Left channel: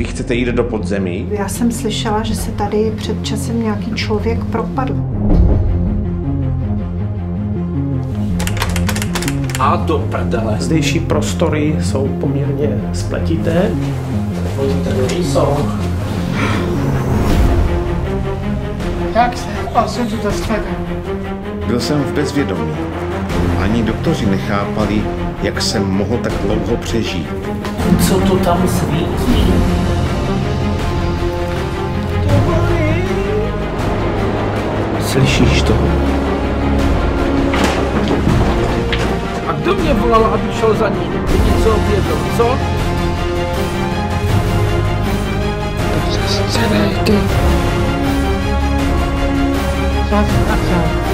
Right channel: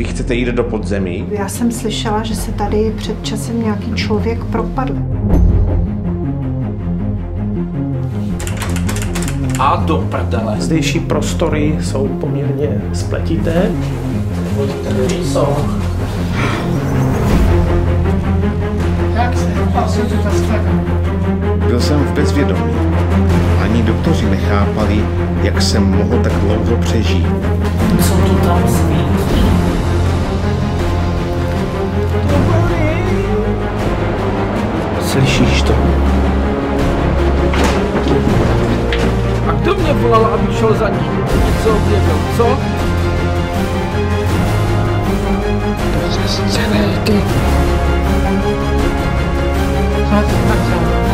Vy chcete jít do podzemí? Já jsem slyšela, že se tady před časem nějaký člověk propadl. A do prdele. Zdejší prostory jsou poměrně spletité. Oni tady jsou. Jak se? A co tu to stane? Byl jsem v bezvědomí. Ani doktoři nechápali, jak jsem mohl tak dlouho přežít. Co to tam svítí? To bolí. Slyšíš to? A kdo mě volal, abych šel za ním? Ty něco objevil, co? To se scény, ty. Co ty,